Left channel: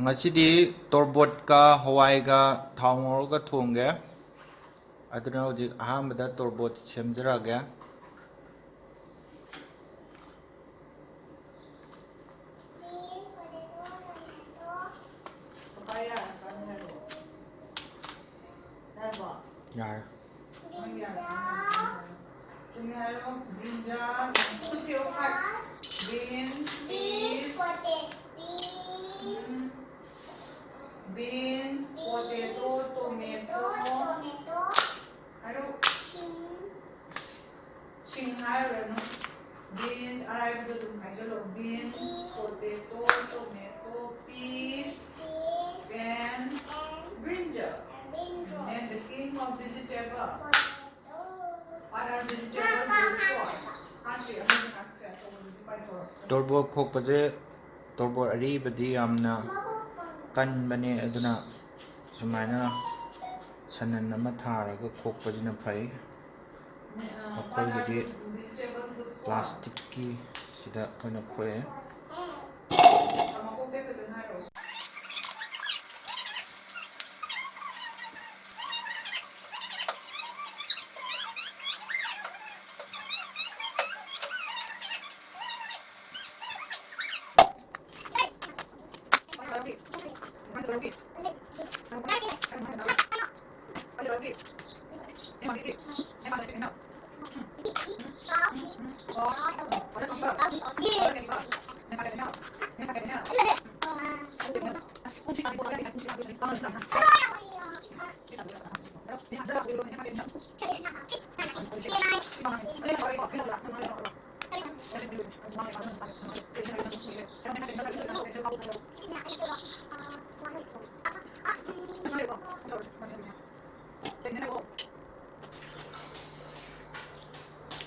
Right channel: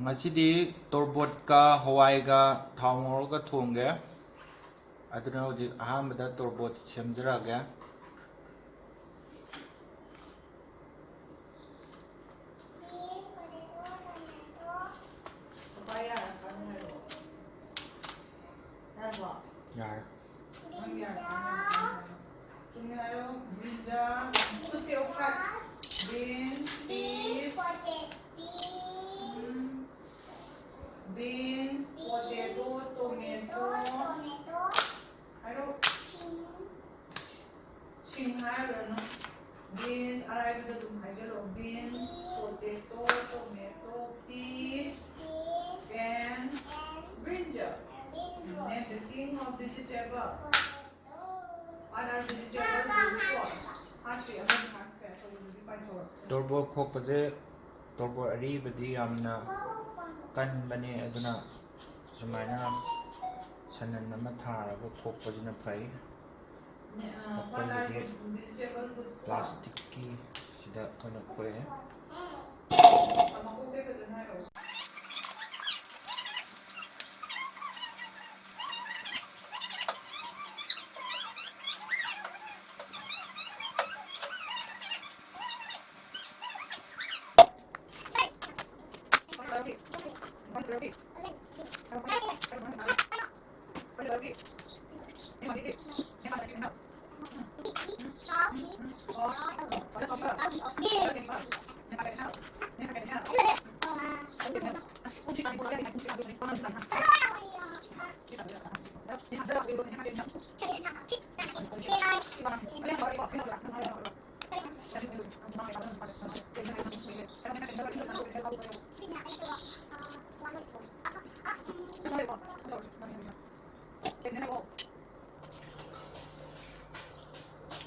ꯉꯁꯤꯗꯤ ꯇꯣꯔꯕꯣꯠꯀ ꯍꯋꯥꯏꯒ ꯊꯥꯎ ꯉꯧꯔꯒ ꯊꯣꯡꯒꯦ ꯑꯗꯨꯅ ꯍꯧꯖꯤꯛ ꯑꯍꯥꯟꯕꯗ ꯇꯣꯔꯕꯣꯠ ꯁꯦꯝꯖꯔꯛꯑꯒꯦ ꯌꯥꯔꯦ beans, potato, tomato, ching beans, beans, potato, tomato, peas, and brinjal. And the king of vegetable. Other vegetables will fall. ꯇꯣꯔꯕꯣꯠ ꯈꯣꯛꯄꯁꯦ ꯇꯣꯔꯕꯣꯠ ꯑꯔꯤꯕꯗꯤ ꯌꯥꯝꯅ ꯀꯟꯕꯅꯦ ꯑꯗꯨꯅ ꯁꯨꯃꯥꯏꯅ ꯁꯅꯟ ꯑꯃ ꯊꯥꯔꯒ ꯈꯣꯛꯄꯁꯤꯅ ꯐꯩ ꯑꯩꯈꯣꯏꯒꯤꯗꯤ ꯄ꯭ꯂꯥꯁꯇꯤꯛꯀꯤ ꯁꯤꯗ ꯑꯩꯈꯣꯏꯅ ꯈꯣꯛꯑꯦ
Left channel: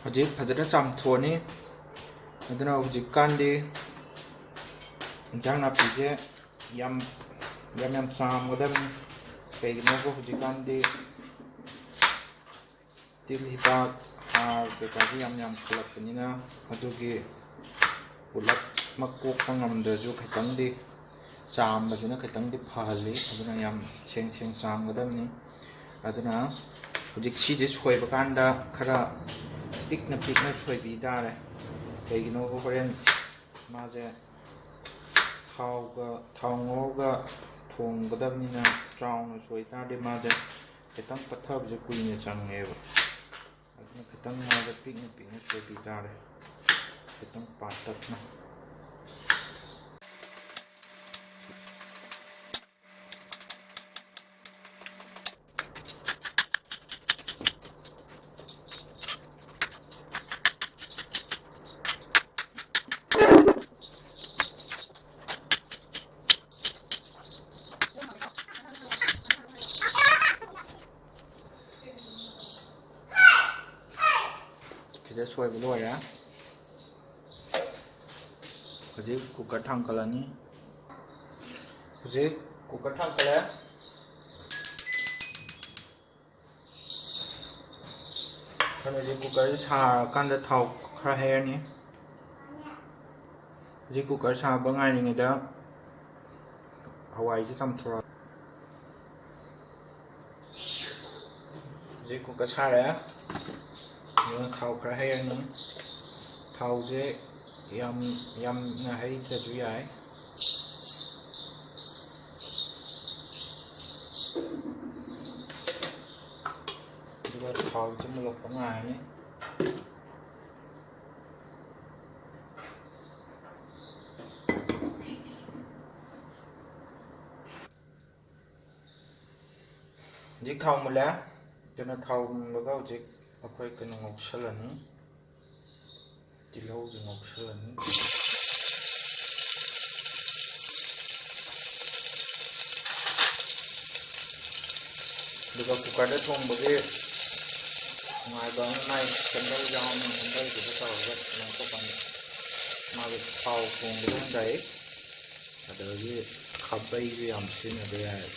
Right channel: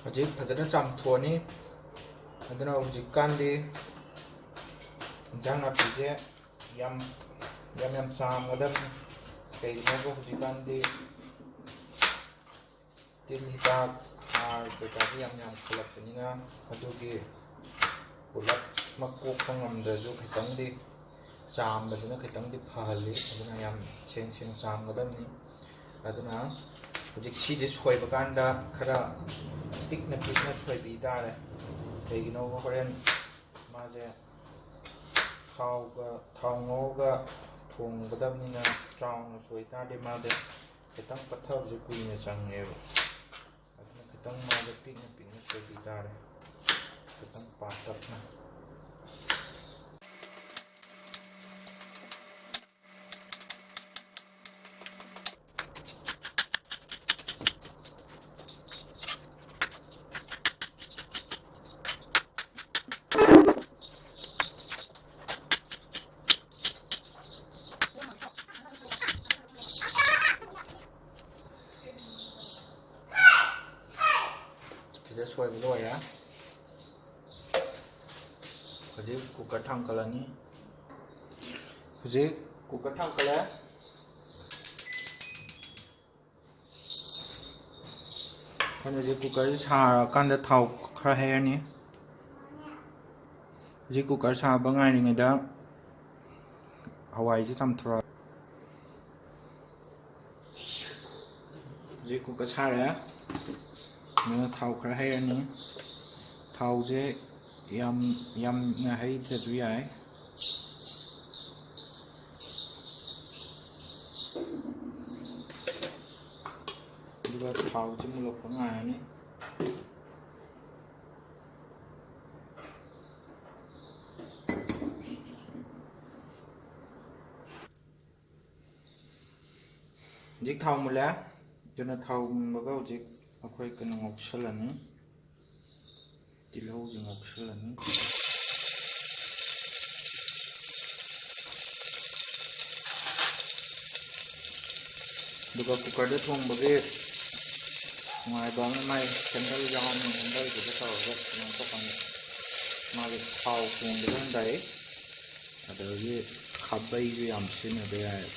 ꯍꯧꯖꯤꯛ ꯐꯖꯅ ꯆꯥꯝꯊꯣꯛꯑꯅꯤ ꯑꯗꯨꯅ ꯍꯧꯖꯤꯛꯀꯥꯟꯗꯤ ꯏꯟꯖꯥꯡ ꯅꯥꯄꯤꯁꯦ ꯌꯥꯝ ꯆꯥꯝꯒꯗꯕꯅꯤ ꯀꯩꯒꯤꯅꯣꯕ ꯍꯧꯖꯤꯛꯀꯥꯟꯗꯤ ꯇꯤꯜ ꯍꯤꯗꯥꯛ ꯍꯥꯔ ꯀꯩꯀꯥꯁꯦ ꯌꯥꯝ ꯈꯜꯂꯛꯄꯅꯤꯅ ꯑꯗꯨꯒꯤ ꯄꯨꯂꯞꯃꯛ ꯀꯣꯛꯄ ꯉꯝꯗ꯭ꯔꯁꯨ ꯈꯤꯇꯪꯗꯤ ꯆꯥꯝꯕꯗꯨꯅ ꯈꯤꯇꯪꯗꯤ ꯐꯍꯜꯂꯤ ꯑꯗꯨꯅ ꯌꯥꯝ ꯁꯦꯡ ꯆꯥꯝꯒꯗꯕꯅꯤ ꯑꯗꯨꯅ ꯍꯧꯖꯤꯛ ꯁꯤꯁꯦ ꯁꯣꯏꯕ ꯀꯥꯟꯗ ꯈꯔ ꯄꯤꯛꯅ ꯁꯣꯏꯕꯤ ꯇꯥꯔꯦ ꯀꯩꯒꯤꯅꯣꯕ ꯍꯣꯔꯦꯟ ꯃꯥꯁꯦ ꯊꯥꯎ ꯉꯧꯔꯒ ꯊꯣꯡꯒꯗꯕꯅꯤꯅ ꯆꯥꯎꯅ ꯁꯣꯏ ꯇꯥꯔꯗꯤ ꯃꯥꯁꯦ ꯈꯤꯇꯪ ꯄꯠꯊꯕꯁꯦ ꯀꯨꯏꯅ ꯆꯪꯉꯦꯕ ꯑꯗꯨꯅ ꯈꯤꯇꯪ ꯃꯥꯁꯦ ꯄꯤꯛꯅ ꯁꯣꯏꯕꯤ ꯇꯥꯔꯦꯈꯤꯇꯪ ꯄꯥꯇꯛꯅ ꯁꯤꯗ ꯁꯣꯏꯕ ꯂꯣꯏꯔꯦ ꯍꯧꯖꯤꯛ ꯀꯨꯀꯔ ꯊꯥꯡꯒꯠꯂꯅꯤ ꯍꯧꯖꯤꯛ ꯀꯨꯀꯔ ꯊꯥꯡꯒꯠꯂꯦ ꯍꯧꯖꯤꯛ ꯀꯨꯀꯔꯁꯦ ꯁꯥꯔꯀꯥꯟꯗ ꯊꯥꯎ ꯈꯔ ꯍꯩꯔꯅꯤ ꯍꯧꯖꯤꯛ ꯀꯨꯀꯔ ꯁꯥꯕ ꯉꯥꯏꯔꯤꯉꯩꯗ ꯍꯋꯥꯏꯁꯦ ꯆꯥꯝꯊꯣꯔꯛ ꯍꯧꯖꯤꯛ ꯀꯨꯀꯔ ꯁꯥꯔꯦ ꯑꯗꯨꯅ ꯊꯥꯎ ꯈꯔ ꯍꯩꯔꯅꯤ ꯊꯥꯎꯁꯦ ꯌꯥꯝꯅ ꯍꯩꯇ꯭ꯔꯁꯨ ꯌꯥꯏ ꯑꯗꯨꯒ ꯊꯥꯎꯁꯦ ꯃꯨꯜꯂꯛꯄ ꯉꯥꯏꯔꯅꯤ ꯍꯧꯖꯤꯛ ꯊꯥꯎ ꯃꯨꯜꯂꯦ ꯑꯗꯨꯅ ꯊꯥꯎ ꯃꯨꯟꯕꯒ ꯍꯧꯖꯤꯛ ꯑꯩꯈꯣꯏ ꯀꯩꯅꯣ ꯉꯧꯁꯜꯂꯅꯤ ꯇꯤꯜꯍꯧꯁꯦ ꯉꯧꯁꯜꯂꯅꯤ ꯑꯗꯨꯒ ꯀꯨꯀꯔꯗ ꯊꯣꯡꯕꯒꯤ ꯅꯨꯡꯉꯥꯏꯕ ꯑꯃ ꯃꯥꯏ ꯀꯦꯟꯗꯜ ꯌꯥꯎꯅꯤ ꯀꯦꯟꯗꯜꯗꯨꯁꯨ ꯇꯧꯔꯒ ꯉꯧꯊꯣꯛꯀꯅꯤ ꯃꯥꯒꯤ ꯊꯥꯎ ꯊꯣꯡꯕꯗꯝꯗꯥꯏ ꯑꯗꯨꯗꯒꯤ ꯈꯥꯕꯩꯁꯨ ꯌꯥꯝ ꯁꯤꯖꯤꯟꯅꯕ ꯌꯥꯏ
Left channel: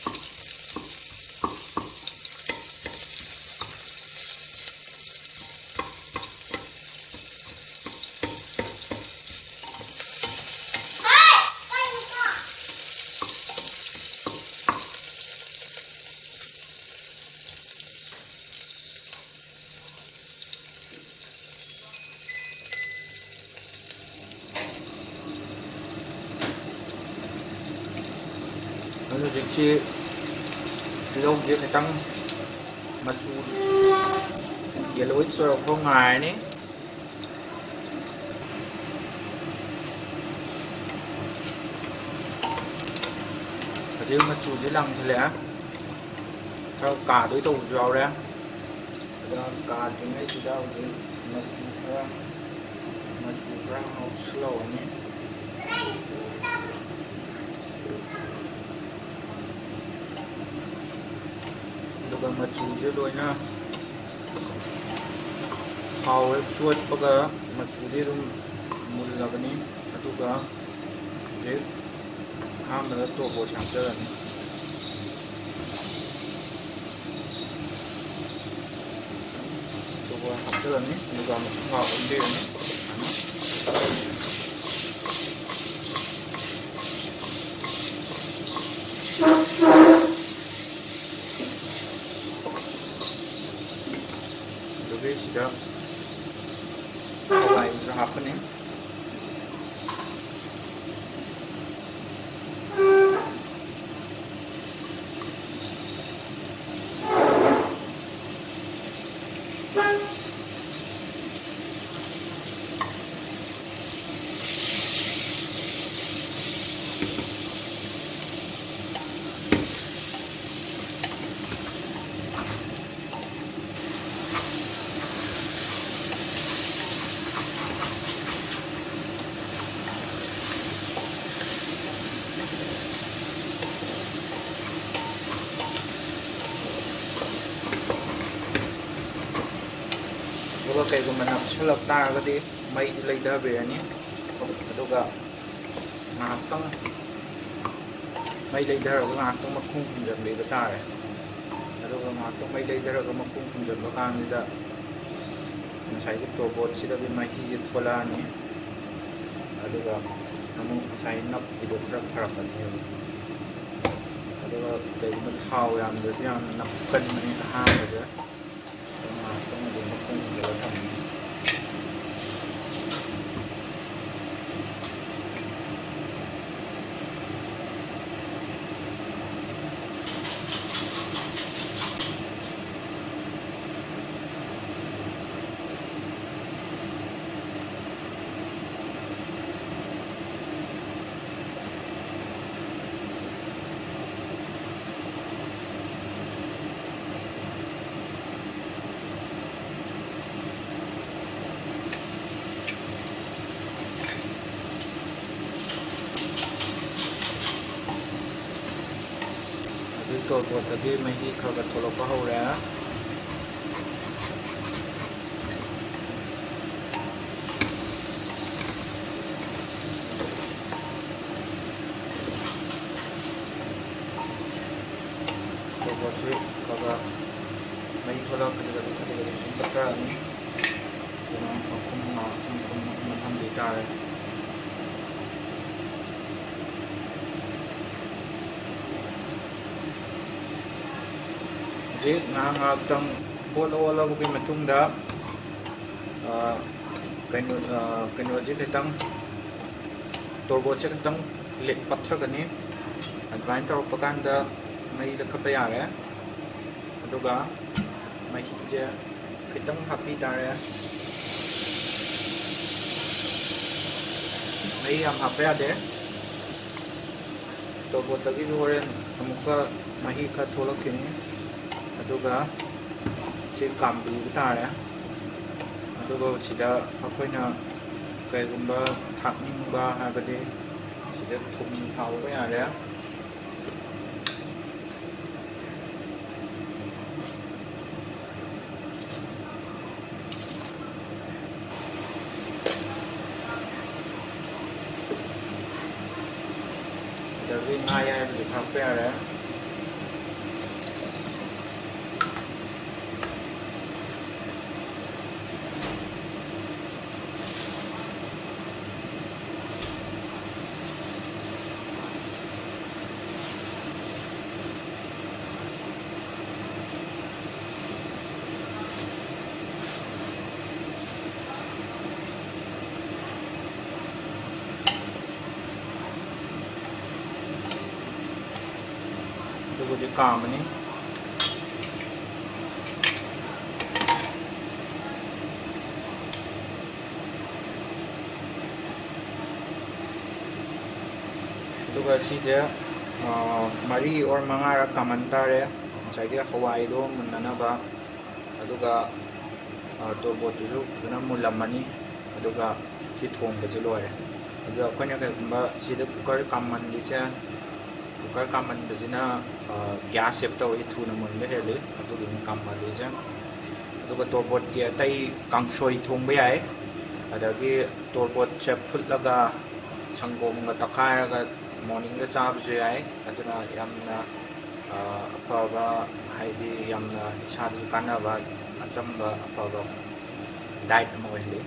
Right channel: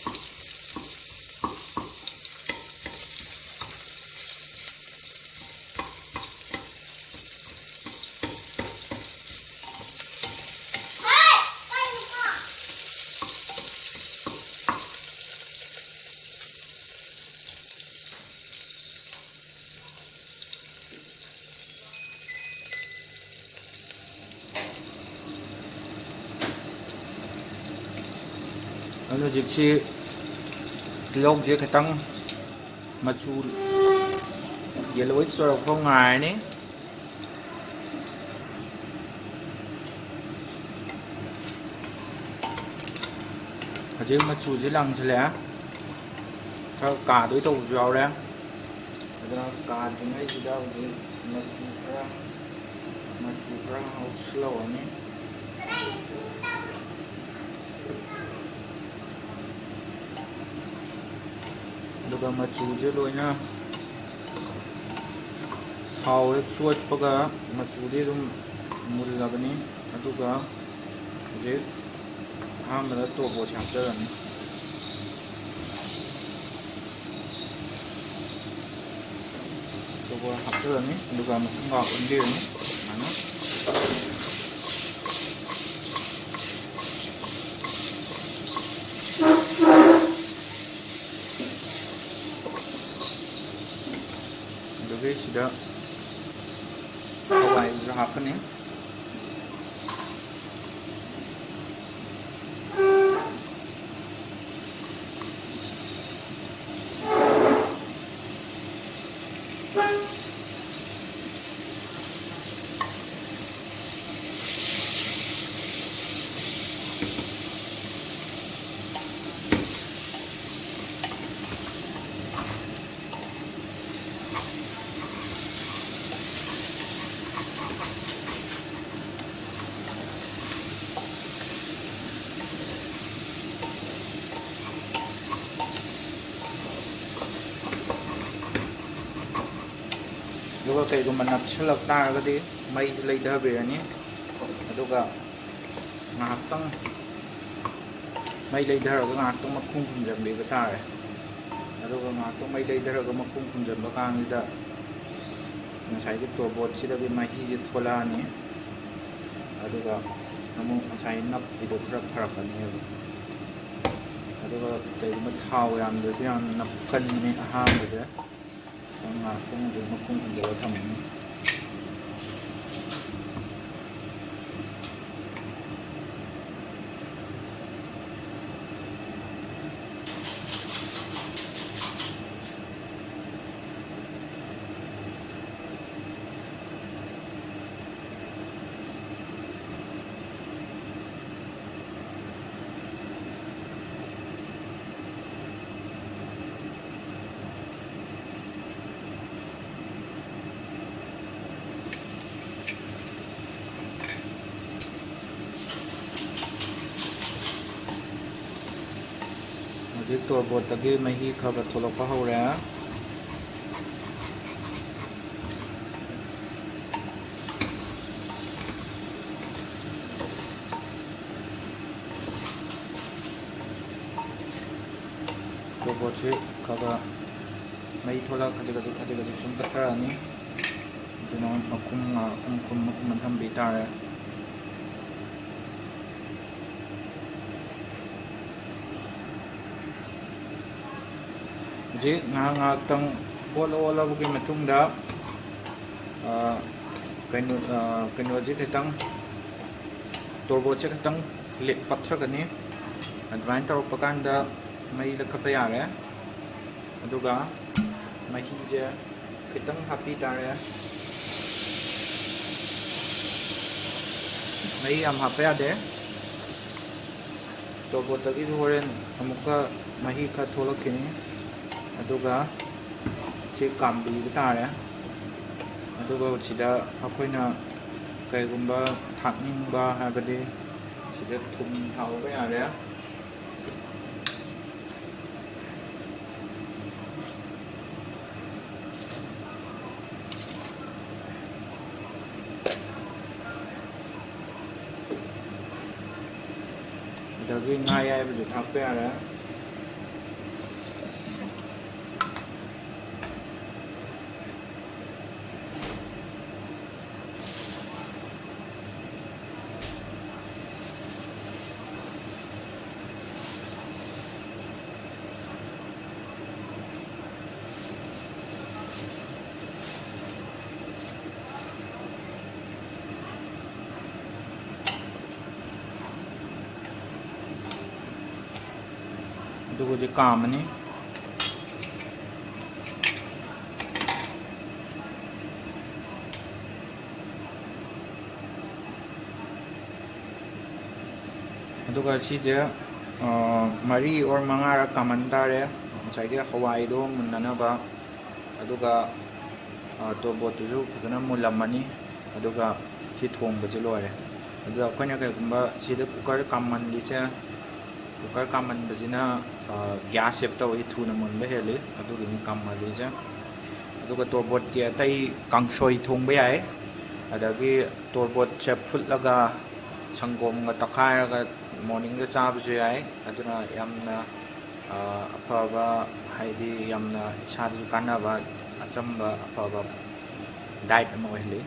ꯍꯧꯖꯤꯛꯁꯤ ꯇꯤꯜꯍꯧꯁꯦ ꯈꯤꯇꯪ ꯃꯆꯨ ꯌꯦꯜꯂꯣꯏꯁ ꯇꯧꯔꯛꯄ ꯉꯥꯏꯔꯅꯤ ꯍꯧꯖꯤꯛ ꯃꯆꯨꯁꯦ ꯂꯥꯡꯁꯤꯜꯂꯛꯑꯦ ꯈꯔ ꯀꯥꯗꯣꯏ ꯇꯧꯕꯁꯨ ꯌꯥꯎꯔꯦ ꯑꯗꯨꯅ ꯀꯥꯗ꯭ꯔꯤꯉꯩꯁꯤꯗ ꯍꯧꯖꯤꯛ ꯃꯆꯨ ꯈꯔ ꯉꯧꯁꯤꯜꯍꯧꯔꯅꯤ ꯑꯗꯨꯒ ꯃꯆꯨꯁꯦ ꯂꯣꯏꯅ ꯊꯥꯎ ꯍꯦꯛ ꯆꯣꯠꯄꯒ ꯃꯆꯨꯗꯤ ꯑꯗꯨꯝ ꯃꯨꯜꯂꯕꯅꯤ ꯑꯗꯨꯒ ꯍꯧꯖꯤꯛ ꯑꯍꯥꯟꯕꯗ ꯇꯣꯔꯕꯣꯠ ꯍꯥꯞꯆꯔꯅꯤ ꯇꯣꯔꯕꯣꯠ ꯍꯥꯞꯆꯔꯅꯤ ꯑꯗꯨꯒ ꯃꯁꯤꯡ ꯑꯣꯟꯕꯤꯔꯅꯤ ꯑꯗꯨꯒꯤ ꯁꯤꯗ ꯍꯋꯥꯏꯁꯨ ꯍꯥꯞꯀꯅꯤ ꯑꯗꯨꯒ ꯀꯩꯒꯨꯝꯕ ꯅꯞꯁꯤꯜꯂꯛ ꯇꯥꯔꯒꯗꯤ ꯃꯩꯁꯤ ꯂꯩꯊꯕꯤꯔꯅꯤ ꯑꯗꯨꯒ ꯉꯥꯏꯍꯥꯛꯇꯪ ꯃꯩ ꯂꯩꯊꯔꯒ ꯉꯥꯏꯍꯥꯛꯇꯪ ꯃꯈꯨꯝ ꯈꯨꯝꯖꯤꯟꯕꯤꯕ ꯇꯥꯔꯦ ꯑꯗꯨꯒ ꯉꯥꯏꯍꯥꯛꯇꯪ ꯃꯩ ꯂꯩꯊꯔꯒ ꯃꯈꯨꯝ ꯈꯨꯝꯖꯤꯟꯕ ꯀꯥꯟꯁꯤꯗ ꯉꯁꯥꯏꯒꯤ ꯇꯣꯔꯕꯣꯠꯁꯤꯗꯒꯤ ꯃꯍꯤꯁꯦ ꯊꯣꯛꯂꯛꯑꯅꯤ ꯑꯗꯨꯒ ꯑꯃꯨꯛ ꯉꯁꯥꯏ ꯅꯞꯄꯤꯗꯣ ꯈꯔ ꯐꯔꯛꯀꯅꯦꯕ ꯑꯗꯨꯒ ꯀꯩꯒꯨꯝꯕ ꯊꯥꯎ ꯌꯥꯝꯗ꯭ꯔꯗꯤ ꯌꯥꯝꯅ ꯅꯞꯀꯟꯕꯅꯤ ꯑꯍꯥꯟꯕꯁꯦ ꯉꯥꯏꯍꯥꯛꯇꯪ ꯑꯗꯨꯝ ꯃꯈꯨꯝ ꯈꯨꯝꯖꯤꯜꯂꯒ ꯊꯝꯃꯅꯤ ꯍꯧꯖꯤꯛ ꯇꯣꯔꯕꯣꯠꯇꯒꯤ ꯃꯍꯤ ꯈꯔ ꯊꯣꯛꯂꯛꯄ ꯍꯧꯔꯦ ꯇꯣꯔꯕꯣꯠꯁꯤ ꯈꯔ ꯃꯍꯤ ꯊꯣꯛꯂꯛꯄꯁꯤꯗ ꯈꯖꯤꯛ ꯁꯨꯝ ꯇꯛꯈ꯭ꯔꯛꯑꯅꯤ ꯑꯗꯨꯅ ꯃꯈꯨꯝ ꯊꯝꯕꯤ ꯇꯥꯔꯦ ꯍꯧꯖꯤꯛ ꯉꯥꯏꯍꯥꯛꯇꯪ ꯑꯣꯜꯂꯕꯒꯤ ꯃꯇꯨꯡꯗ ꯀꯩꯅꯣꯁꯦ ꯈꯤꯇꯪ ꯇꯣꯔꯕꯣꯠꯁꯦ ꯈꯤꯇꯪ ꯄꯠꯊꯒꯅꯤ ꯑꯗꯨꯃꯥꯏꯅ ꯇꯧꯔꯛꯄ ꯀꯥꯟꯗ ꯃꯩ ꯂꯧꯈꯠꯄ ꯌꯥꯔꯦ ꯑꯗꯨꯒ ꯃꯍꯤꯁꯦ ꯈꯤꯇꯪ ꯍꯥꯞꯄꯤ ꯇꯥꯔꯦ ꯃꯍꯤ ꯌꯥꯝ ꯍꯥꯞꯄ ꯌꯥꯗꯦ ꯇꯣꯔꯕꯣꯠꯇꯒꯤꯁꯨ ꯍꯣꯔꯦꯟ ꯑꯃꯨꯛꯀ ꯃꯍꯤ ꯈꯔ ꯊꯣꯛꯂꯛꯈꯤꯅꯤ ꯑꯗꯨꯒ ꯁꯤ ꯀꯥꯝꯕꯤꯕ ꯇꯥꯔꯦ ꯑꯗꯨꯒ ꯁꯤꯗ ꯑꯩꯈꯣꯏꯅ ꯀꯩꯒꯨꯝꯕ ꯊꯥꯛꯅꯤꯡꯕ ꯍꯥꯏꯕꯗꯤ ꯁꯤꯗ ꯊꯨꯝ ꯊꯥꯛꯄ ꯌꯥꯔꯦ ꯑꯗꯒꯤ ꯉꯥ ꯑꯌꯥꯏꯕꯁꯨ ꯊꯥꯛꯄ ꯌꯥꯔꯦ ꯑꯗꯨꯒ ꯍꯧꯖꯤꯛ ꯀꯥꯝꯃꯅꯤ ꯑꯗꯨꯒ ꯁꯤꯁꯦ ꯃꯔꯤ ꯑꯣꯔ ꯃꯉꯥꯔꯛ ꯀꯥꯝꯍꯟ ꯇꯥꯔꯦ ꯉꯁꯥꯏꯒꯤ ꯍꯋꯥꯏꯗꯣ ꯃꯨꯟꯅꯅꯕ ꯑꯗꯨꯒ ꯇꯣꯔꯕꯣꯠꯇꯨꯁꯨ ꯐꯖꯅ ꯃꯨꯜꯂꯝꯃꯅꯤ ꯑꯗꯨꯒ ꯁꯤ ꯊꯣꯡꯕꯁꯦ ꯂꯣꯏꯔꯦ ꯑꯗꯨꯒ ꯑꯩꯈꯣꯏꯅ ꯀꯩꯒꯨꯝꯕ ꯁꯤꯗ ꯀꯨꯀꯔ ꯀꯥꯝꯍꯟꯂꯤꯁꯦ ꯀꯨꯀꯔ ꯀꯥꯝꯍꯟꯕꯁꯤꯅ ꯒ꯭ꯌꯥꯁ ꯁꯦꯞ ꯇꯧꯏ ꯊꯨꯅ ꯃꯨꯟꯕ ꯍꯦꯜꯂꯤ ꯑꯗꯨꯒꯤꯅꯤ ꯀꯥꯝꯍꯜꯂꯤꯁꯦ ꯑꯗꯨꯒ ꯇꯣꯔꯕꯣꯠꯀꯤ ꯑꯇꯩ ꯀꯥꯡꯁꯣꯏ ꯊꯣꯡꯕ ꯌꯥꯏ ꯑꯗꯒꯤ ꯇꯣꯔꯕꯣꯠꯁꯦ ꯐꯨꯠꯂꯒ ꯁꯪꯒꯣꯝꯒ ꯇꯛꯈꯥꯏꯔꯒ ꯃꯣꯔꯅꯤꯡꯗ ꯆꯥꯕꯁꯨ ꯌꯥꯏ ꯑꯗꯨꯅ ꯌꯥꯝꯅ ꯑꯐꯕ ꯍꯥꯏꯗꯤ ꯌꯥꯝꯅ ꯏꯁꯥꯗꯁꯨ ꯀꯥꯟꯅꯕ ꯑꯆꯝꯕ ꯑꯐꯕ ꯗꯥꯏꯠ ꯑꯃ ꯑꯣꯏꯍꯜꯂꯤ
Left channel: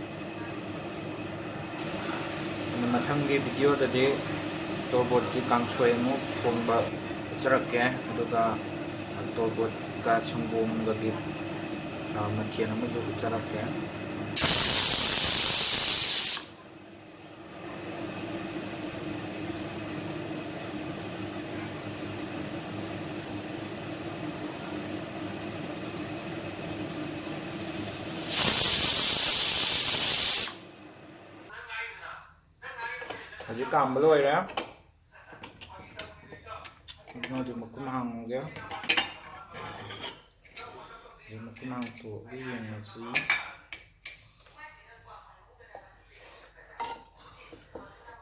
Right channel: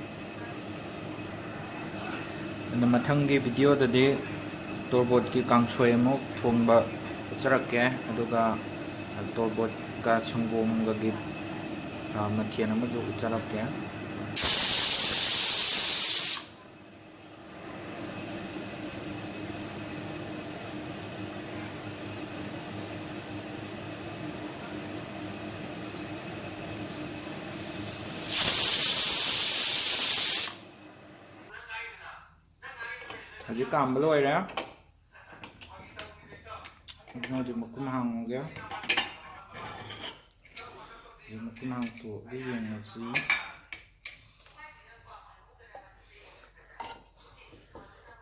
ꯑꯗꯨ ꯃꯊꯪꯒꯤ ꯚꯤꯗꯤꯑꯣꯗꯗꯤ ꯇꯣꯔꯕꯣꯠꯀꯤ ꯀꯥꯡꯁꯣꯏ ꯑꯃꯨꯛ ꯊꯣꯡꯕ ꯎꯠꯆꯔꯛꯀꯦ ꯑꯗꯨꯒ ꯇꯣꯔꯕꯣꯠꯀ ꯁꯪꯒꯣꯝꯒꯒꯤ ꯃꯊꯦꯜ ꯑꯃꯁꯨ ꯎꯠꯆꯔꯛꯀꯦ ꯍꯧꯖꯤꯛ ꯀꯥꯝꯕ ꯂꯣꯏꯔꯦ ꯍꯧꯖꯤꯛ ꯃꯈꯨꯝ ꯍꯥꯡꯉꯒꯦ ꯃꯈꯨꯝ ꯍꯥꯡꯇꯣꯛꯑꯒ ꯌꯦꯡꯉꯁꯤ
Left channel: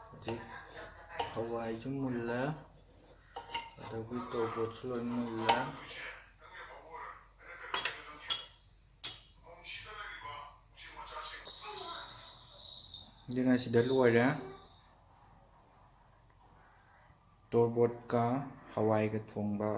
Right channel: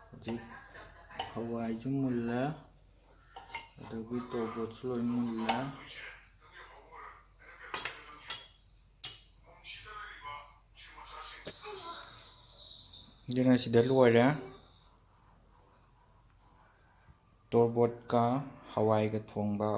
ꯍꯧꯖꯤꯛ ꯍꯋꯥꯏꯁꯨ ꯃꯨꯜꯂꯦ ꯑꯗꯒꯤ ꯇꯣꯔꯕꯣꯠꯁꯨ ꯂꯣꯏ ꯃꯨꯜꯂꯦ ꯑꯗꯨꯅ ꯁꯤꯗ ꯂꯣꯏꯔꯦ ꯇꯣꯔꯕꯣꯠꯀ ꯍꯋꯥꯏꯒ ꯊꯣꯡꯕ